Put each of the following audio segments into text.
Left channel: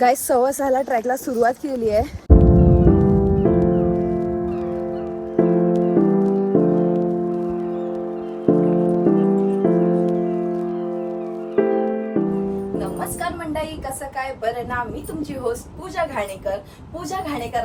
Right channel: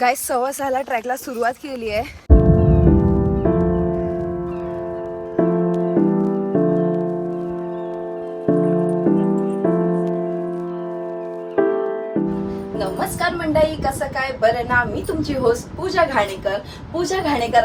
Guys 6:15 ट्रॅकला सुरुवात केली आहे. नमस्कार मंडळी, कसं काय बरं ना. मी तुमची होस्ट पूजा घाणेकर.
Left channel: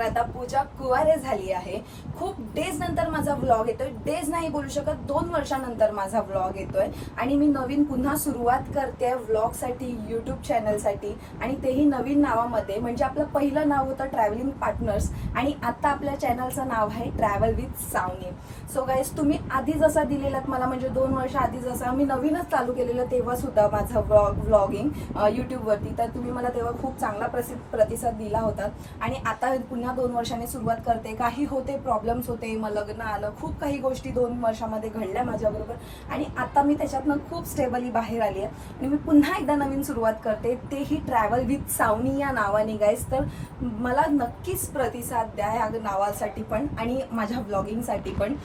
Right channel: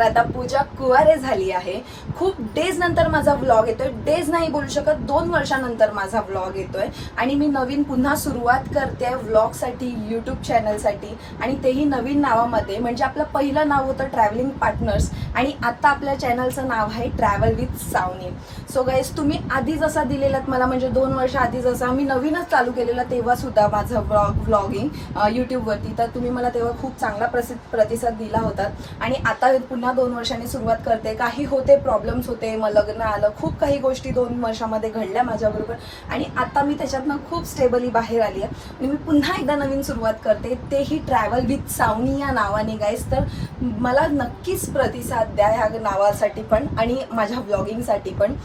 आता पूजा कुवारे झाली आहे. खूप डेज नंतर माझा व्लॉग येतोय. डेज नाही बोलू शकत, 2 वर्षानंतर माझा व्लॉग येतोय आणि मी नवीन पुन्हा सुरुवात करते व्लॉगसाठी, यूट्यूब चॅनलसाठी, आणि तेही नवीन नावामध्ये. म्हणजे आपलं पहिलं नाव होतं ट्रॅव्हलिंग पार्टनर्स आणि आता आपल्या चॅनलचं नाव आहे travel with Savni. So guys, तुम्ही आधी जसा दिलेलात मला, म्हणजे 2 वर्ष आधी जसा मी नवीनच चालू केलेलं तेव्हा सुद्धा माझं व्लॉगिंग यूट्यूबवरती, तर तुम्ही मला तेव्हा खूप चांगला प्रतिसाद दिला होता. आणि आता पुन्हा 2 वर्षांनी सुरुवात करते. काही होते, प्रॉब्लेम्स होते, मग लग्न आलं, खूप काही गोष्टी 2 वर्षामध्ये घडल्या माझ्याबरोबर आणि आता मी त्याच्यातनं खूप स्टेबली बाहेर आली आहे आणि मी पुन्हा एकदा नवीन सुरुवात करते, तेही ट्रॅव्हल विथ सावनी या नावाने. गाईज, तर मला नक्कीच प्रतिसाद द्या ह्या नावासाठी पण आणि माझ्या व्लॉगिंगसाठी पण.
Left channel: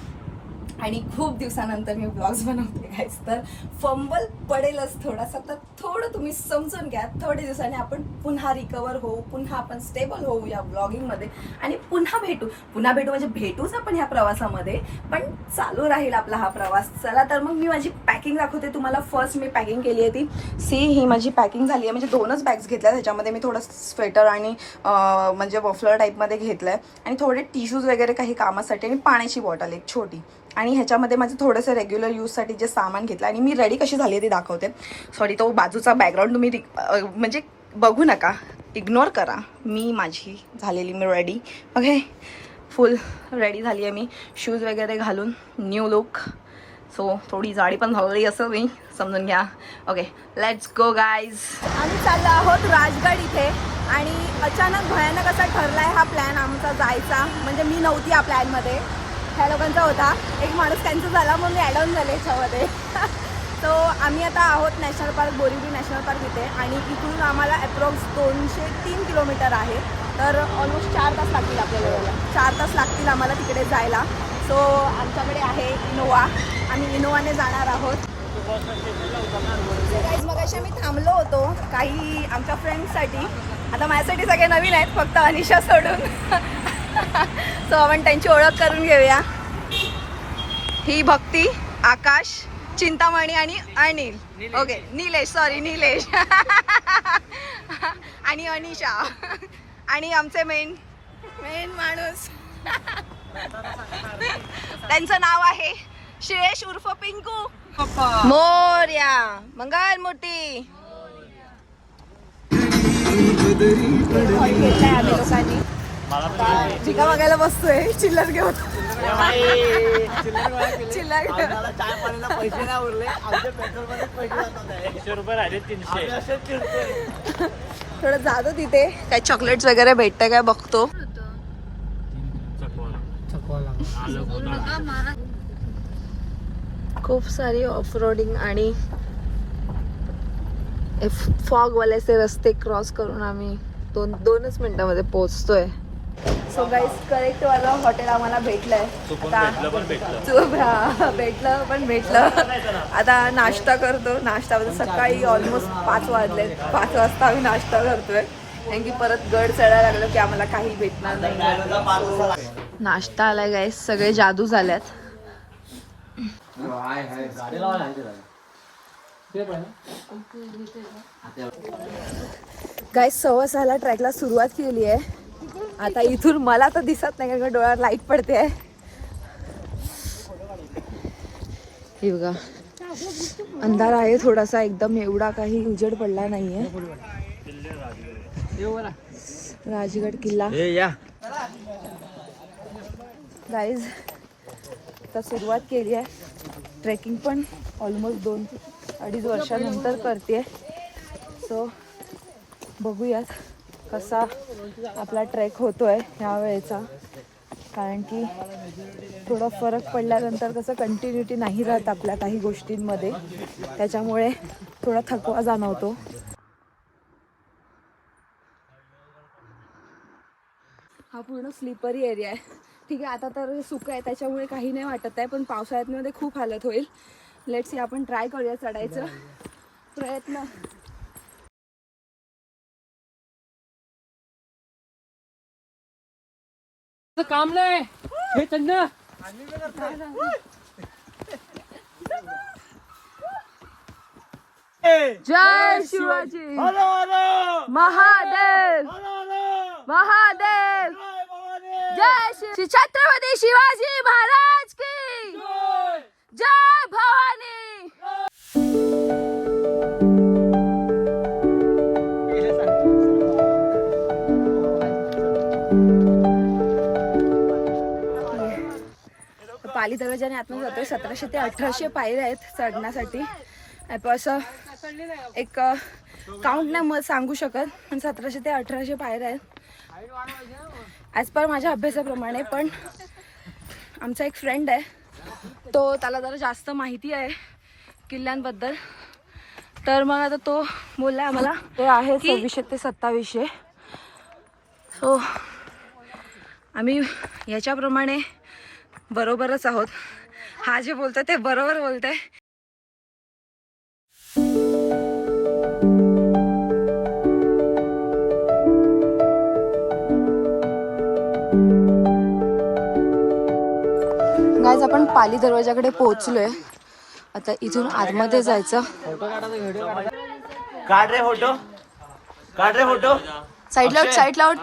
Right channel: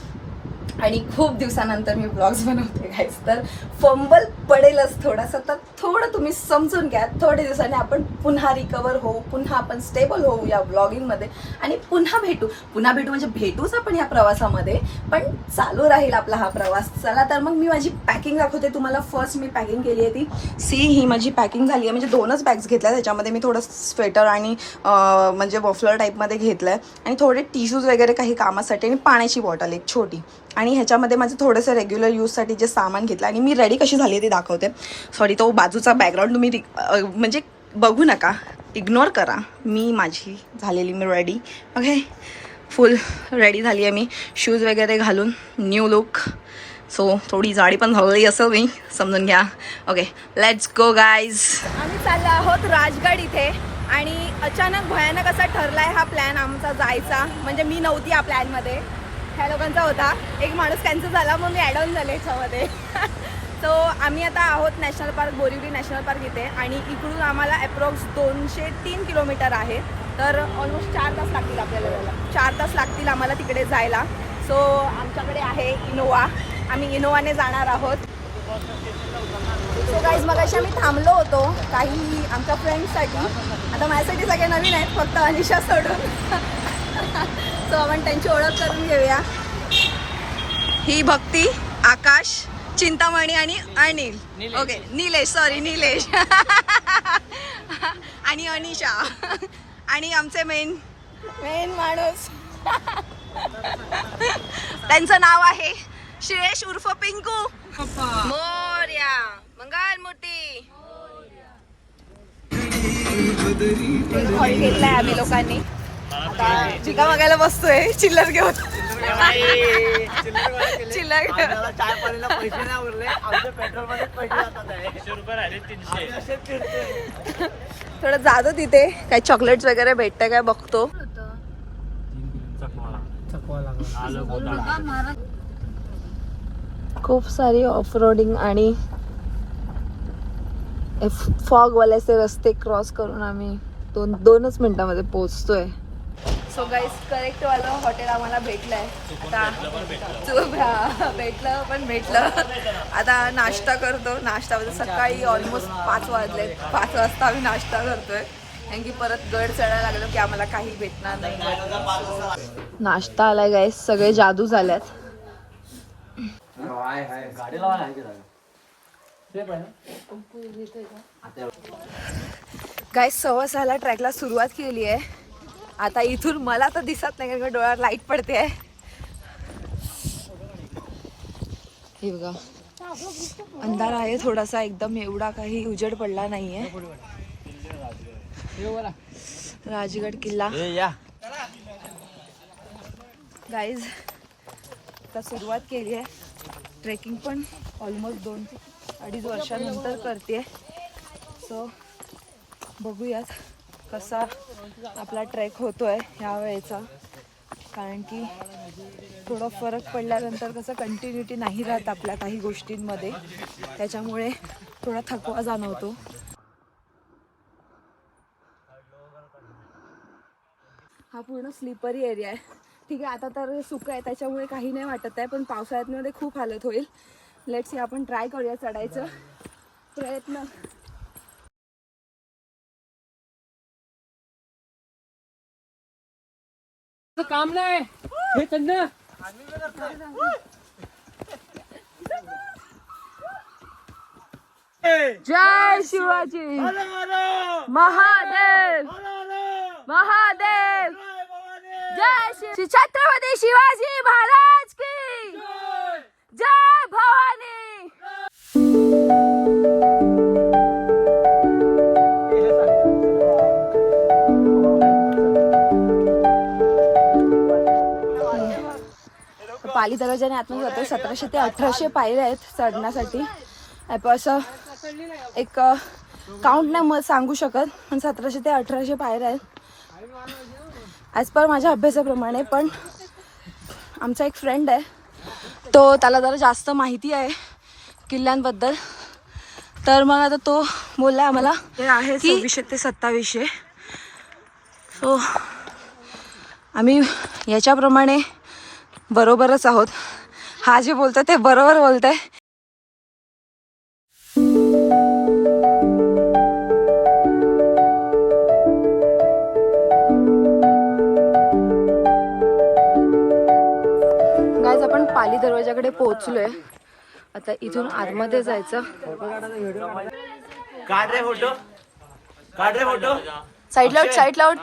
आणि खूप दिवसानंतर मी ब्लॉग्स बनवते गाईज, तर फंबल पडेलच थोडासा, तर थोडं तुम्ही समजून घ्या. थोडे दिवसांनी आपण पुन्हा रिकवर होऊ, पुन्हा आपण स्टेबल होऊ या ब्लॉगिंगमध्ये आणि पुन्हा भेटू म्हणजे भेटूच आपण ह्या प्रवासामध्ये, पण चालू राहील आपला हा प्रवास. चला तर मग मी माझी पॅकिंग दाखवते तुम्हाला. फर्स्ट मी पॅकिंग केली आहे ती ही माझी पॅकिंग झाली आहे. म्हणजे 2च बॅग्स घेतल्या, त्याच्यामध्ये मी थोडं स्वेटर आणि म्हणजे मफलर टाईपमध्ये घेतलं आहे आणि थोडे टिश्यूज वगैरे काही कामासाठी आणि पाण्याची बॉटल एक छोटी. आणि ह्याच्यामध्ये माझं थोडंसं रेग्युलर यूजसाठी जे सामान घेतलं आणि मी रेडी कशी झाली आहे ते दाखवते. सॉरी, तो बाजूचा बॅकग्राऊंड तुम्ही म्हणजे बघू नका, इग्नोर करा. माझी झालेली मी रेडी. ओके, फुल रेडी झाली आहे मी, शूज वगैरे घालून, न्यू लुक. सो थोडी जाडी पण झालेली असं मी समजून घ्या. Okay, let's go guys. आम्ही चाललो आहोत राजगड इथे आणि अचानक भयानक असा ठरलाय हा प्लॅन आमचा जायचा. म्हणजे मी नव्हती या प्लॅनमध्ये, ह्या लोकांचा होता. एक माणूस कॅन्सल झाला, मग मी ॲड ऑन झाले ह्याच्यामध्ये. सो आम्ही आता आहोत national park, Borivali national park इथे, आणि इकडून आम्हाला अप्रॉक्स 203 किलोमीटर आहे. तर ऑलमोस्ट 4 तास लागतील आपल्याला जायला. 4 तास लागतील आम्हाला तिकडे जायला. सो आमच्याकडे आहे इनोवा, आम्ही इनोवाने जाणार आहोत. सो गाईज, मगाशी आम्ही थांबलो होतो काही आमच्या फ्रेंड्ससाठी. आता माझ्यासाठी सगळे नवीन आहेत, फक्त अनिशा सोडून. सो आपण त्यांची ओळख करून घेऊया. ही भक्ती, आकाश, चिंतामणी आणि अनिल. ओके, नीलेश आणि अनिशा आणि आमचे मेन माणूस. त्यांचं नाव आहे श्रेयश उर्फ पिंकू. मोरया, मंगल मूर्ती. घेतलाय आम्ही लोकांनी. चिका मागायला बसतोय, चिल्लर घेऊन. चिल्लर पैसे नाही उरले, थोडं जातो तिथे, काही चॉकलेट्स वगैरे भेटतं काय बघतो. खूप सारी ऑफ रोडिंग आणि फॉगवाल्याचे रस्ते क्रॉस करून आम्ही 2च मिनिटांमध्ये पोहोचतोय. सो गाईज, करेक्ट वाला हॉटेल आम्हाला भेटलंय. आता भेटलं. आता नाश्ता करतो. नाश्ता सकाळी ऑलमोस्ट 5 वाजले. 5 वाजता आम्ही नाश्ता करतोय, कारण की परत गड चढायला लागलो की आम्हाला काही भेटणार नाही. नाश्ता आलाय गाईज, सगळे जादू झाल्यात. गाईज 6:15 ट्रॅकला सुरुवात केली आहे. आता इथून मला तर दिसत नाही, कारण डोळ्यावर लाईट पडते आहे. हे बघा, अंधार आहे थोडासा, एकदम एवढा काही उजेड पडला नाहीये. राजगड किल्ला. गाईज, आता सुरुवात केली आहे. ट्रेकिंग पण ऑलमोस्ट 2-2.5 वर्षानंतर करते. सो बघूयात कसा आपला ट्रेक होतोय ह्या वेळेचा, कारण की थोडा फरक पडल्यानंतर कसं कंटिन्युटी नाही राहत आपल्या काही गोष्टींमध्ये, त्याच्यामुळे थोडा थकवा जाणवतो. हा पूर्ण स्लिपरी एरिया आहे. ठीक आहे, आता तर सुकं आहे त्याच्यामुळे काही नाही वाटत आहे, पण पावसाळ्यामध्ये खूप हालत होईल. लेट्स सी, आपण ट्राय करूया चढायचं प्रयत्न. काम नाही हे चंद्र जय शिवाजी महादेव महादेव जय श्री छत्रपती शिवाजी महाराज की जय भवानी। पाली दरवाजाने आतमध्ये जातोय। 1700 ते 1800 पायऱ्या आहेत चढण्यासाठी। असं एक काउंट नाही सांगू शकत, पण 1700 ते 1800 पायऱ्या आहेत ॲज पर माझ्या अभ्यासाप्रमाणे। पण आमचा एक फ्रेंड आहे, तो त्याला जरा जास्त माहिती आहे किल्ल्यांबद्दल, तर मग आता तो बोलला आम्हाला ते आहे 2600 ते 2700। सो आम्ही याच्याप्रमाणे बरोबरच आहोत। हा जे बोलतोय ते बरोबर बोलतोय। गाइस आपण पाली दरवाजाकडे पोहोचलोय। आता इथून आतमध्ये जायचं। काढ रे फोटो, काढ रे फोटो। साइड लाउट, साइड लाउट।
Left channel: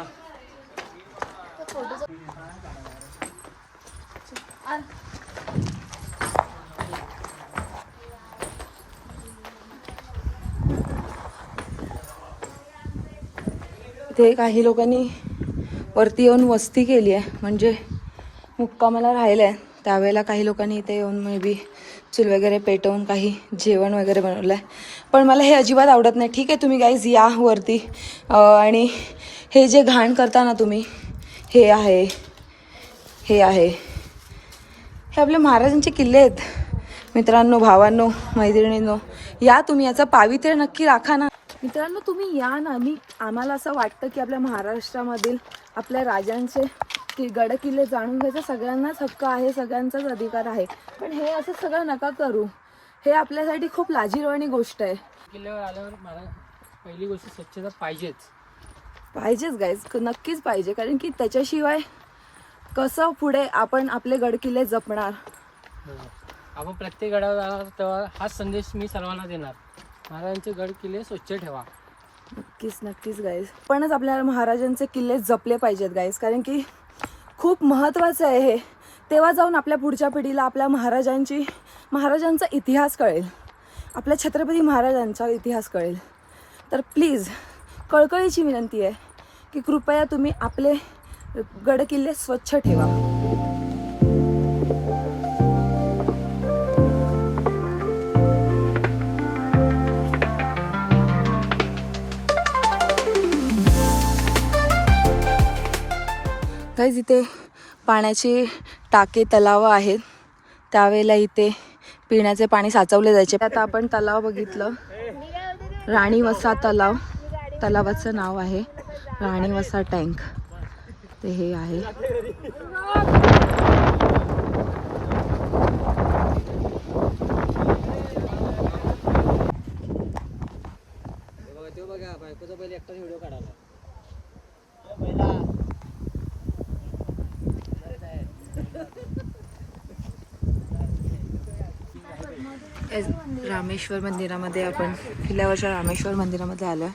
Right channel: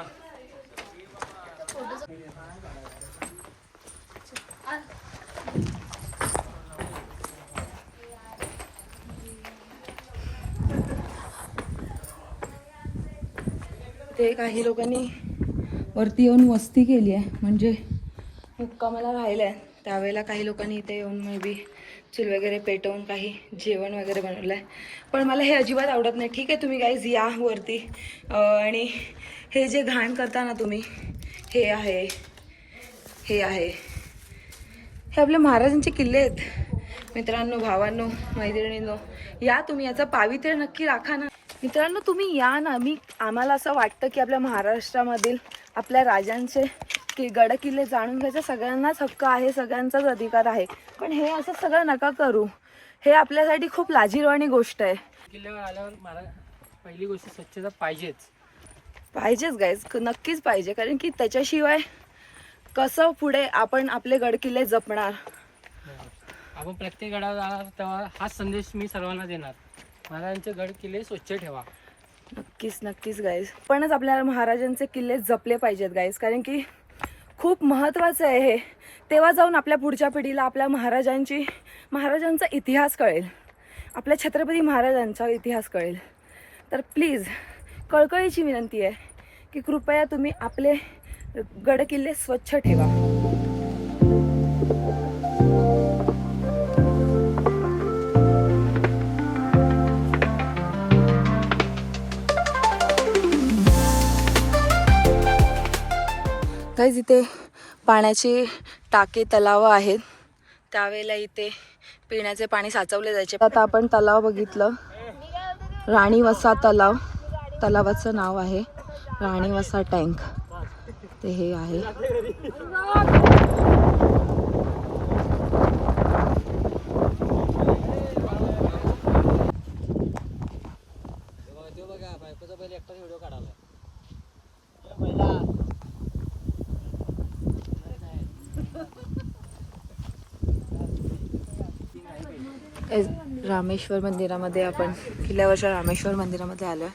इथे काही लोकांनी वरती येऊन वस्ती केली आहे, म्हणजे मुक्कामाला राहिलं आहे। त्यावेळेला काही लोकांनी इथे येऊन मे बी चूल वगैरे पेटवून काही जेवण वगैरे बनवलं आहे। पण मला हे अजिबात आवडत नाही। ठीक आहे तुम्ही गाईज या वरती, आणि हे जे घाण करता ना तुम्ही, हे आहे हे आहे हे आपले महाराजांचे किल्ले आहेत मित्रांनो, भावांनो, मैत्रिणींनो। या तुम्ही याचा पावित्र्य नक्की राखा ना मित्रांनो। तुम्ही या ना। आम्हाला असं वाटतं की आपल्या महाराष्ट्रामधील आपल्या राजांचे की गड किल्ले जाणून घ्यायचा सगळ्यांनाच हक्क आहे, सगळ्यांचाच अधिकार आहे। पण हे असं सगळं नका करू। हे आपल्यासाठी खूप लाजिरवाणी गोष्ट आहे। किल्ल्यावर आल्यावर मला पहिली गोष्ट स्वच्छता पाहिजेच गाईज, नक्कीच पाहिजे। कारण की त्याच्याशिवाय कसं पुढे आपण आपले गड किल्ले जपणार। आपण प्रत्येक गडावर जाणार तेव्हा हाच संदेश मी सर्वांना देणार, महाराजांचे गड किल्ले स्वच्छ ठेवा। नक्कीच नक्कीच गाईज, पणच आपल्या महाराजांचे किल्ले जपले पाहिजेत गाईज। कारण की खूप महत्त्वाचं आहे हे। तेव्हा जाऊन आपल्या पुढच्या पिढीला आपल्या महाराजांचा इतिहास कळेल, आपल्या छत्रपती महाराजांचा इतिहास कळेल। तर प्लीज कळकळीची विनंती आहे की कृपया तुम्ही आपले गड किल्ले स्वच्छ ठेवा। गाईज इथे पाण्याची टाके तलाव आहेत, त्यावेळेला इथे पिण्याचे पाणी साचवले जायचे। आता आपण तलाव बघितलं, राणीवसा तलाव, तलावाचं नाव आहे राणीवसा टँक, ते हे आहे। रामेश्वर मंदिरामध्ये आपण किल्ल्यावरच्या रामेश्वर मंदिरामध्ये आलोय।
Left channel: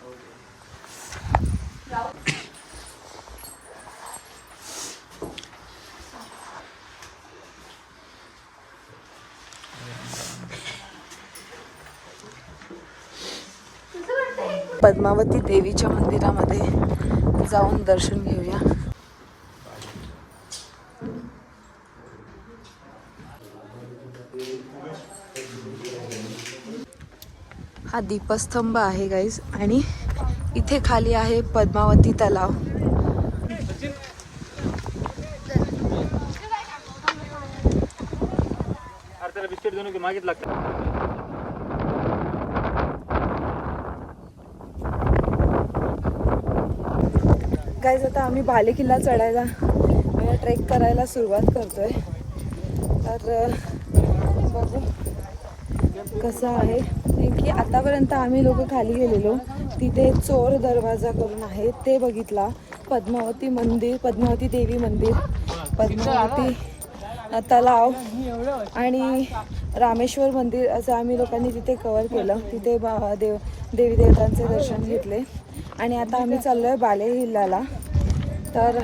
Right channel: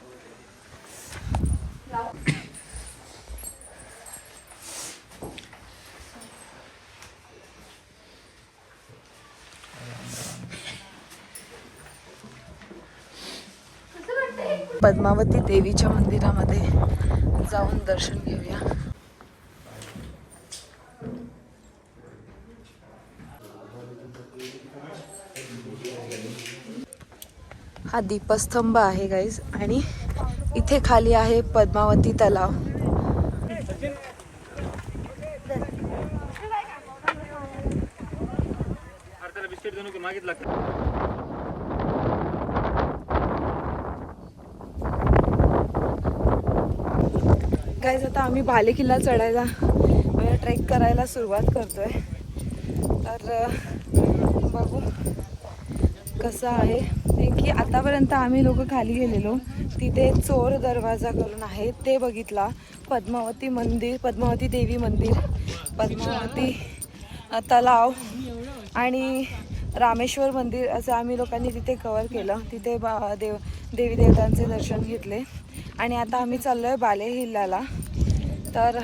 पद्मावती देवीच्या मंदिरामध्ये जाऊन दर्शन घेऊया। हा दीपस्तंभ आहे गाईज, आणि इथे खाली आहे पद्मावती तलाव। गाईज आता आम्ही भाले किल्ला चढायला ट्रेक करायला सुरुवात करतोय। तर बघू कसं आहे की आतापर्यंत आम्ही लोक खाली गेलेलो तिथे चोर दरवाजा करून आहे ते बघितला. पद्मावती मंदिर, पद्मावती देवी मंदिर, पद्मावती तलाव आणि रामेश्वर मंदिर असं आम्ही लोकांनी तिथे कव्हर केलं. तिथे देवी देवतांचे दर्शन घेतले आणि आता आम्ही चाललोय बाले हिल्लाला. तर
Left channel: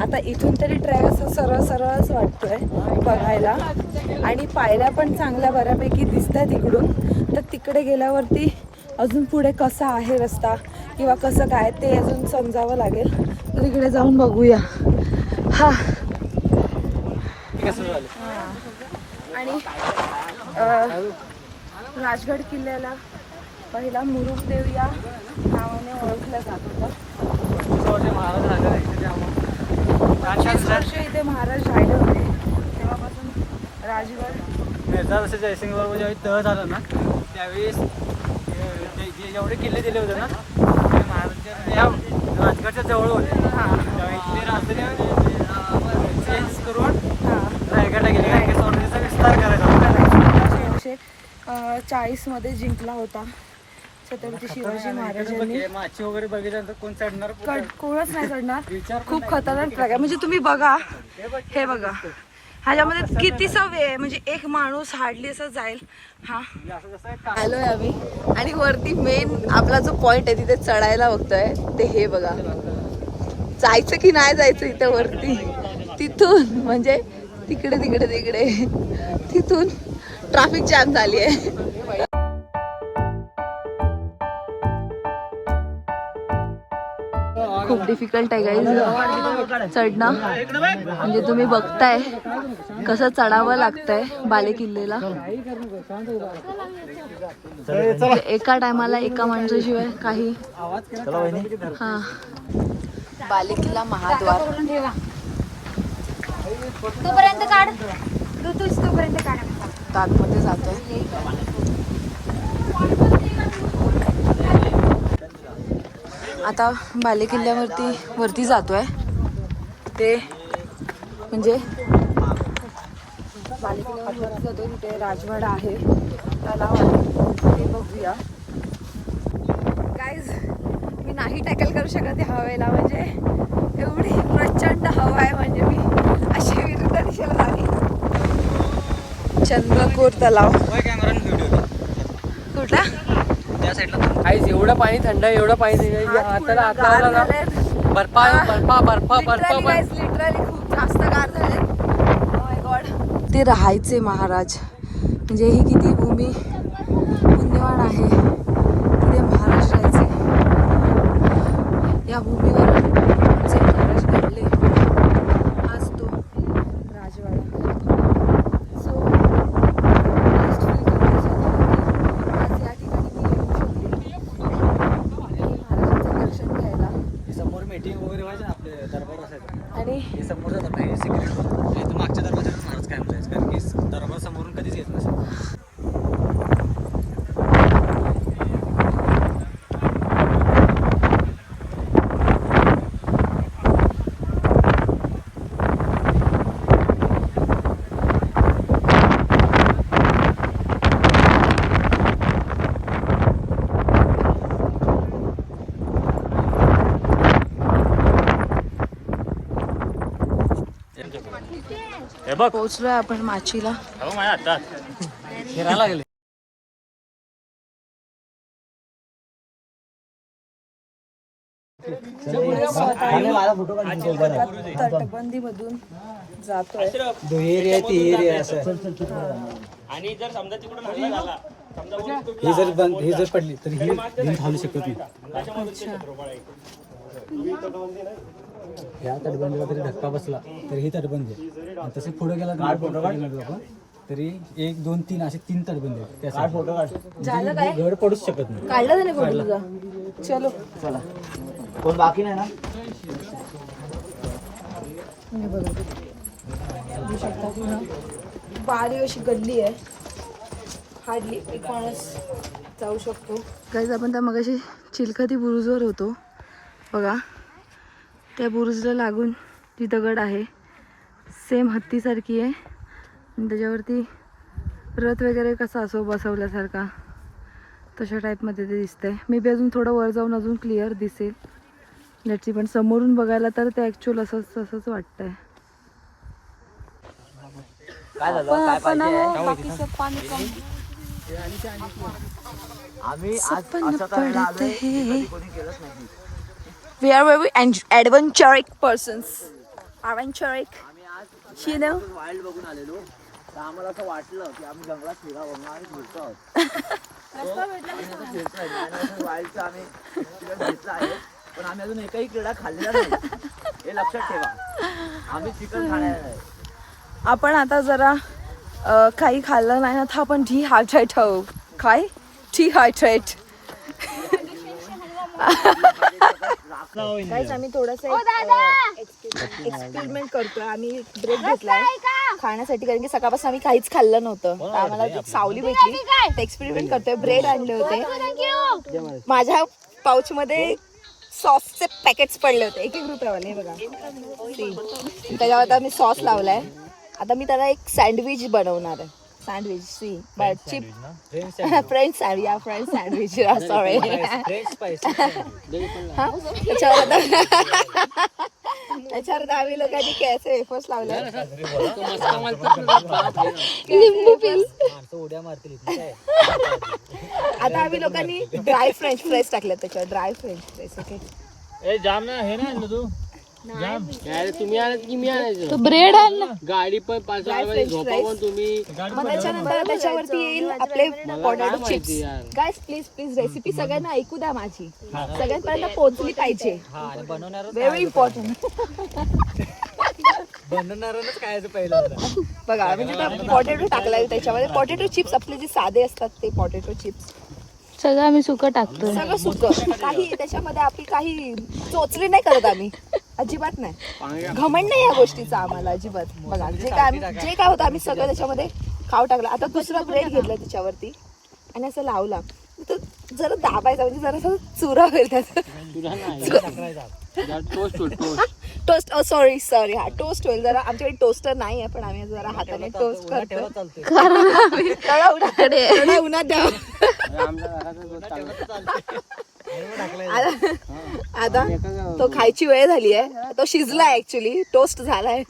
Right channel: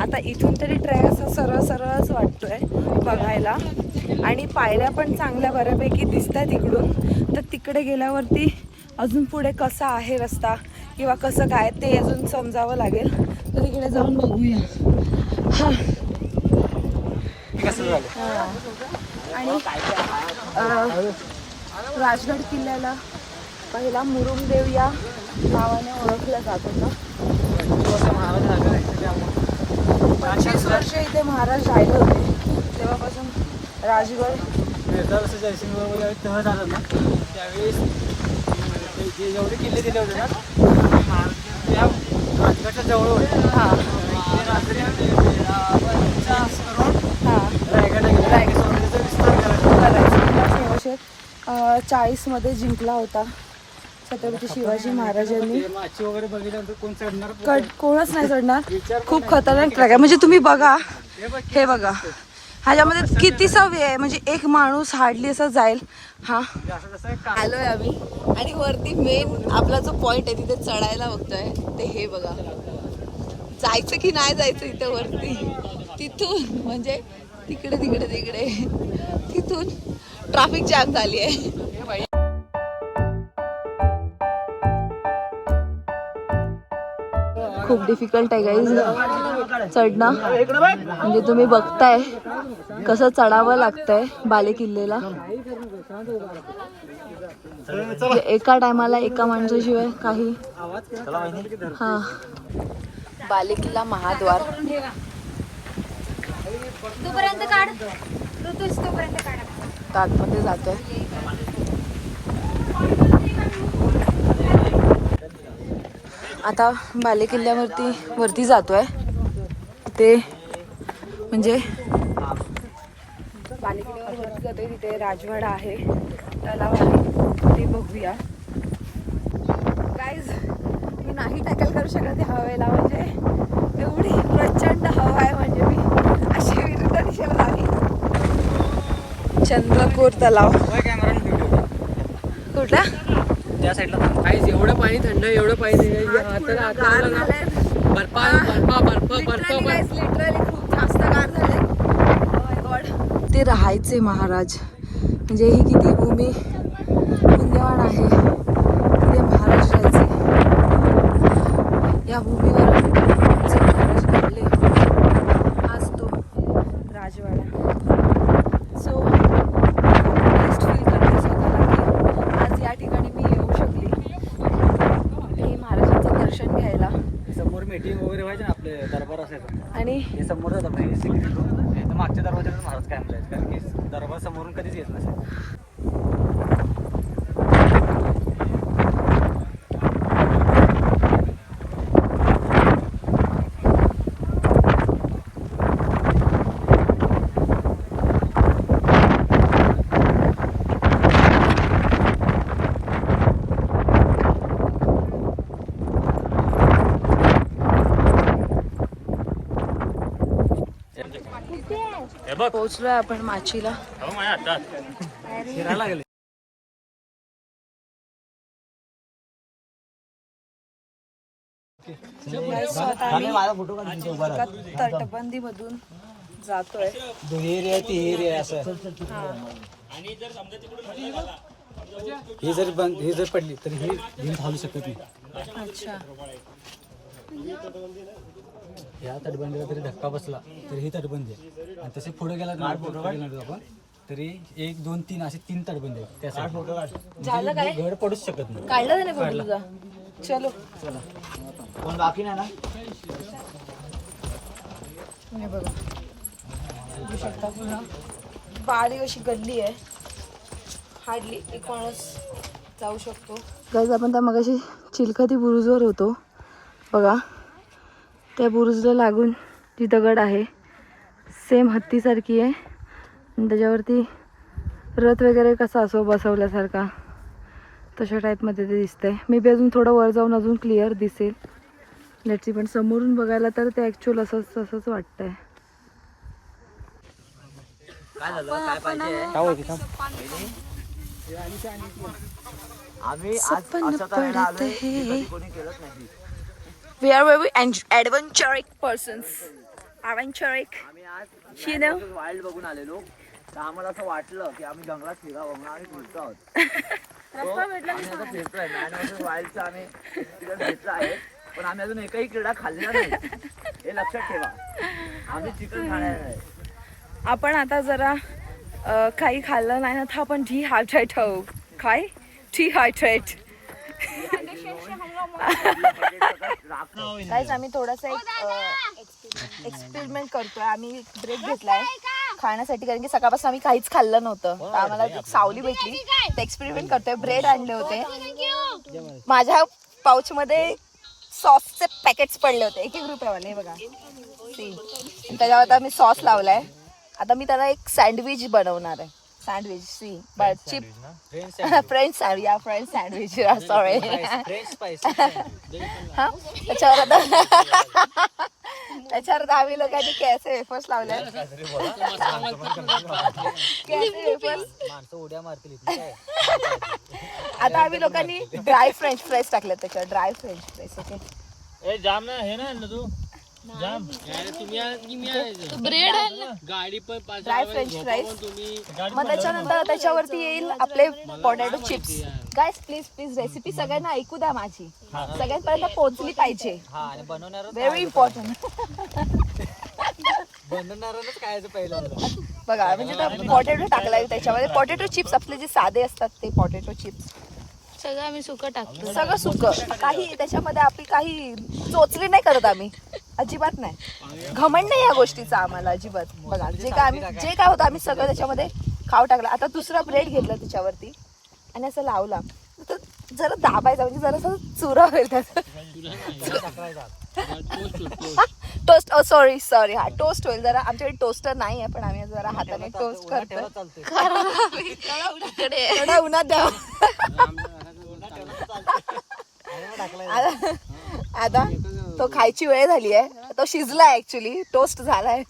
आता इथून तरी ट्रॅक असं सरळच वाटतोय बघायला आणि पायऱ्या पण चांगल्या बऱ्यापैकी दिसतात इकडून. तर तिकडे गेल्यावरती अजून पुढे कसा आहे रस्ता किंवा कसं काय ते अजून समजावं लागेल. तर तिकडे जाऊन बघूया. हा आणि राजगड किल्ल्याला पहिला मुरुमदेव या नावाने ओळखलं जात होतं. 25 वर्ष इथे महाराज राहिले होते. तेव्हापासून राजगड जसं जयसिंगबरोबर ज्यावेळी तह झालं ना त्यावेळेस जे एवढे किल्ले दिले होते ना ते महाराजांच्या राजगडच्या जवळ होते. ते रात्री चेंज करून रायगडला गेले. स्वराज्याचा विस्तार करायचा. 1640 मध्ये जिंकला होता छत्रपती शिवाजी महाराजांनी. माची वगैरे बघितल्यानंतर कोण चढणार कोणच नाही चढणार. खूप खतरनाक ट्रॅक आहे. म्हणजे तुम्ही बघा, हे बघा, ह्याच्यामध्ये किती सवे आहे. म्हणजे एक माणूस हार्डली असं जाईल. हा आलोय आम्ही आणि वरती मेन आपला जो पॉइंट आहे तिथे चढायला बघतोय ते हे बघा. जायचं की नाही जायचं इथे वरती. तिथून म्हणजे तिकडे तिकडे तिकडे तिथून ट्रॅफिक जॅम झाली आहे. खूप डिफिकल्ट आहे गाईज चढणं. म्हणजे तुम्ही बघताय कसं चढावं लागतंय बाले किल्ल्याला. एका टायमाला एका माणसाशिवाय काही. हा बाले किल्ला महाद्वार. आतमध्ये जातोय. आता बाले किल्ल्यावरती वरती जातोय. ते म्हणजे बाले किल्ल्यावर वरती जातोय. तिथे राजवाडा आहे, तलाव आहे, ते बघूया. गाईज मी नाही टॅकल करू शकत ह्या हवेला. म्हणजे एवढी प्रचंड हवा आहे. म्हणजे मी अशी विरुद्ध दिशेला चंद्रकोर तलाव कुठला आई एवढं पाणी थंड आहे, एवढं पाणी हाताला बर्फा लिटरली खूप जास्त गार झाले. ते राहायचे महाराज. म्हणजे ही किती भूमी पुण्यवान आहे. तिथे महाराज राहायचे. या भूमीवर जे महाराज घडले हाच तो राजवाडा. सो बेस्ट फील करते स्वतःला की आज या ठिकाणी मी येऊ शकले आणि महाराजांचं दर्शन घ्यायला. समोर मीटिंग वगैरे व्हायचं ना आपले दरबार असायचं आणि समोर जातात नाही सिक्रेट. मागच्या दरबारात महाराज काय म्हणतायचं कारण की दरबार समोरून कधीच येत नसतं. पोहोचलोय आपण माचीला. फिरायला गेले. तटबंदी मधून जातोय. एरिया ती एरिया असं. ही जर पडली तर ही भिंत हलू शकत नाही. अच्छा. या तटबंदीला तरी धक्का बसला तर ही तटबंदी आहे. आणि तसे पुढे गेला आपण तरी 1, 2, 3 असे 3 तटबंदी आहेत. झालं काय? घर पडूच शकत नाही. काढला त्याने फोटो तुझा. चलो चला. कोण बाकी नाही ना? हे बघा बघू शकता पुन्हा बारीक अशी गल्ली आहे. हार्डली एक माणूस जाऊ शकतो. गाईज आपण त्या मगाशी चिलखती बुरुजवर होतो बघा. त्या बुरुजला लागून जी दगड आहे सेम हत्तीसारखी आहे आणि त्याच्यावरती रथ वगैरे कसा असो बसवल्यासारखा तशा टाईपमध्ये ते दिसतंय. मे बी अजून थोडं वर जाऊन अजून क्लिअर दिसेल याची, पण समोरून बघायला तर ते ॲक्च्युअल असंच वाटतंय. काय झालं काय पाहिजे आम्ही आज असं करायला आलोय जे कधी कोणी केलंच नाही. We are very adventurous persons. Adventurous. आम्ही आज You know? वाईल्ड बघून आलेलो तर आम्हाला असं वाटलं की आम्ही जंगलात फिरावं आणि फिरतो आहोत. आम्ही आता फिरतोय वाईल्डचं आम्ही एक्सपिरियन्स घेतला आहे, पण आम्ही अजून एकही क्रीडा खाल्लेला नाही हे लक्षात ठेवा. आम्ही चिकन खाणार आहे. आपण आता जरा काही खाल्लं नाही ना तर आपण डिहायड्रेट होऊ. काय डिहायड्रेट. आम्ही थोडंसं एक्सपेरिमेंट करतोय. आम्ही ब्रेक घेतलाय खाण्यासाठी कारण की सकाळपासून आम्ही काहीच खाल्लं नव्हतं. तर आम्हाला एक सावली भेटली तर एक्सपेरिमेंट करतोय. ब्रेड आणले होते. माझ्या पाऊच मध्ये सॉसचे पॅकेट्स पडले होते 1-1 रुपयावाले. हे बघा त्याच्यावर आता मी सॉस लावलाय. आता मी त्याला एक सँडविच बनवणार आहे. सँडविच सी बट चिप फ्रेंच या फ्रेंच सँडविच सॉरी. त्याच्यावर आम्ही लोकांनी कॅसे वेफर्स लावले. आता आम्ही लोकांनी ड्राय फ्रेंच फ्राईज टाकले त्याच्यावर. Dry French fries. ओके जाम ना हे ना तू जाम तुम्ही आणायचं की मी आणायचं. ब्रेड आण गाडी पण तुम्ही मग त्याच्यानंतर त्याच्यावरती येईल आपले potato chips. Guys please please recipe सगळ्यांना ऐकू द्या. माझी सगळ्यांपर्यंत पोहोचली पाहिजे. Very important. बनवणारच खायचं पहिलं. बघा म्हणजे पोटॅटो टाकलाय त्याच्यामध्ये. पोटॅटो चिप्स आपले जे साधे असतात ते पोटॅटो चिप्स सगळं आम्ही सुकं टाकतो. सगळं सुकं. काही त्याच्यामध्ये आपली काही चोचली नाही करत आम्ही. अजिबात नाही. घमंड नाही या गोष्टीचा आम्हाला अजिबात. बघा जे काय होतं आम्ही सगळं त्याच्यामध्ये खाऊ टाकलं. आता दुसरा ब्रेड घेतला त्याच्यावरती आणि असं लावला. तो जरा दाबायचा म्हणजे जरा चुरा होईल त्याचा. टोस्ट सॉरी हा टोस्ट होईल. जरा आमच्याकडे टोस्टर नाही आहे पण आम्ही जरा हाताने टोस्ट करतो. थोडा उन्हात द्या. आता तो खायची वेळ झाली आहे. तो शिजलाय ऍक्च्युली. टोस्ट झालाय.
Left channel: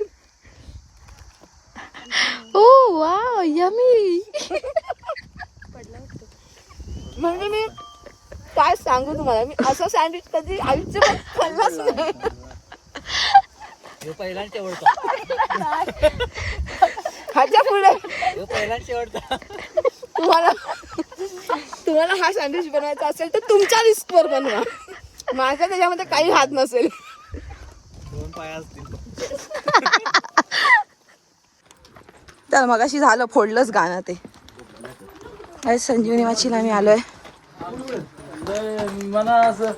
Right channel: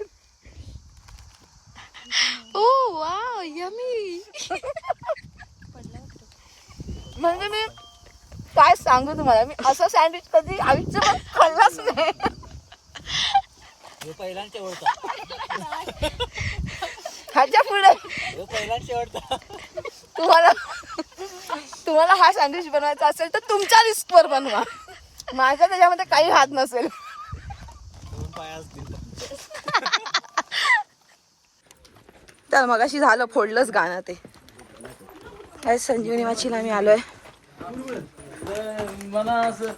ओ वाव यमी. म्हणजे मी काय सांगू तुम्हाला. मी असं सँडविच कधी आयुष्यात खाल्लाच नाही. पहिला शेवटचा ह्याच्या पुढे पहिला शेवटचा. तुम्हाला हा सँडविच बनवायचा असेल तर तुमच्या लिस्टवर बनवा. माझ्या त्याच्यामध्ये काही हात नसेल. तर मगाशी झालं फोडलंच गाणं ते. संजीवनी माचीला आम्ही आलोय. मला असं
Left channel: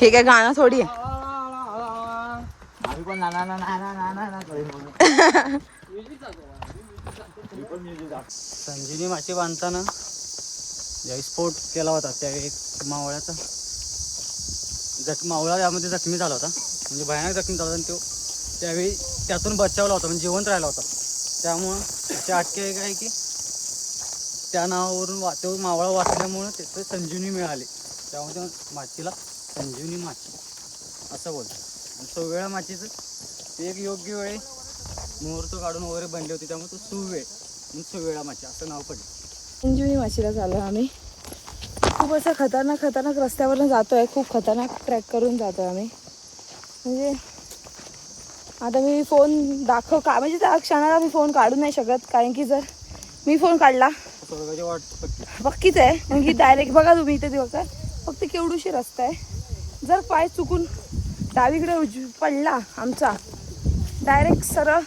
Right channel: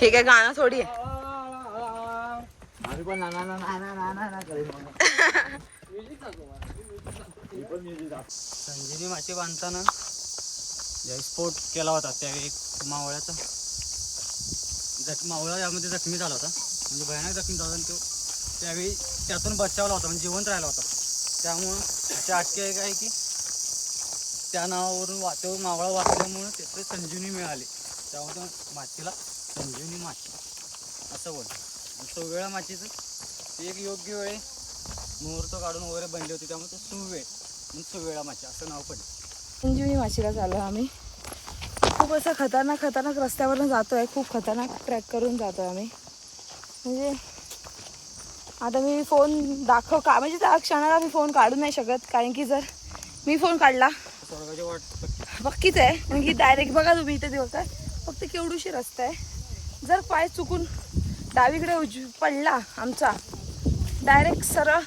हे काय गाणं थोडी आहे. आम्ही पण ना ना ना ना ना ना ना संजीवनी माशी बांधताना ज्यावेळी स्फोट केला होता त्यावेळी एक मावळ्याचा मावळा यामध्ये जखमी झाला होता. म्हणजे भयानक जखमी झाला. आणि तो त्यावेळी त्यातून बचावला होता म्हणजे जिवंत राहिला होता. त्यामुळं ते आटके काय की त्या नावावरून तो मावळा वाचल्यामुळं त्याचं संजीवनी मिळाली. त्यामुळे त्या माचीला संजीवनी माची असं बोलतो. आणि सुवेळा माचीचं ते एक योग्य वेळी मुहूर्त काढून वगैरे बनली होती त्यामुळे तो सुवेळ म्हणून सुवेळा माची असं नाव पडलं. संजीवनी माचीला चालू आम्ही. खूप असं खतरनाक रस्त्यावरून जातोय. खूप खतरनाक ट्रॅक करून जातोय आम्ही. म्हणजे आता मी फोन म्हणजे त्या क्षणाला मी फोन काढू नाही शकत. कारण की जर मी फोन काढला पक्कीच आहे. कारण की डायरेक्ट बघा तुम्ही इथे दिवसा फक्त केवढूशी रस्ता आहे. जर पाय चुकून डावीकडे पडला आमचा डायरेक्ट सरळ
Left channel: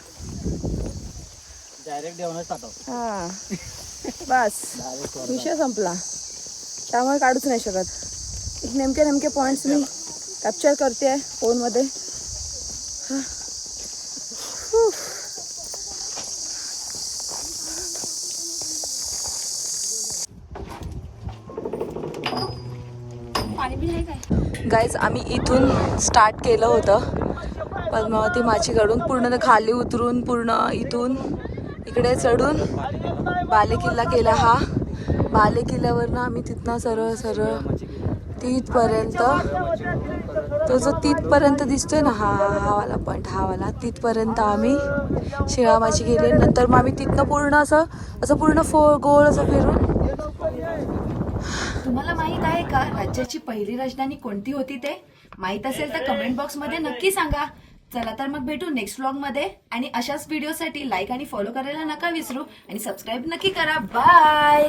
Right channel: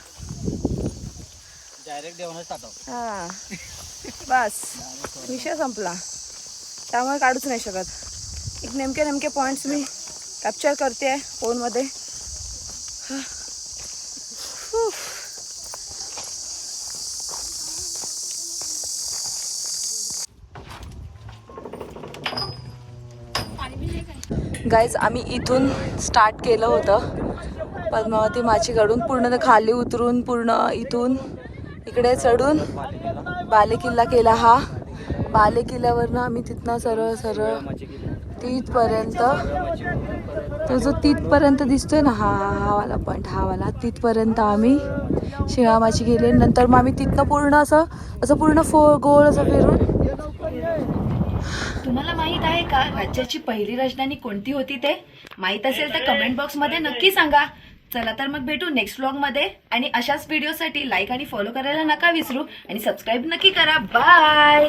देऊनच हा बस विषय संपला. त्यामुळे काढूच नाही शकत. एक नेमके पॉइंट्स मी कॅप्चर करते फोनमध्ये. पाणी गाईज आम्ही इथून स्टार्ट केलं होतं पद्मावती माचीकडून, पूर्ण खाली उतरून पूर्ण इथून इकडे चढून बालेकिल्ला केला. हा बालेकिल्ल्यावरनं आम्ही तिथनं सरळ सरळ तिथपर्यंत, तो जो तिथपर्यंत दिसतोय ना, हा वाला पॉईंट, हा वाला, तिथपर्यंत आम्ही शिळामाची गेले. नंतर मग आम्ही तिथनं पूर्ण असं पूर्ण गोल असं फिरून. तुम्हाला माहित आहे का राज्याची पहिली राजधानी कोणती होती? ते माहित असेल तर कमेंट बॉक्स मध्ये नक्की सांगा. चला तर मग भेटू नेक्स्ट व्लॉग मध्ये, आणि अशाच व्हिडिओसाठी लाईक आणि फॉलो करायला नका विसरू, आणि सबस्क्राईब नक्की करा. बाय.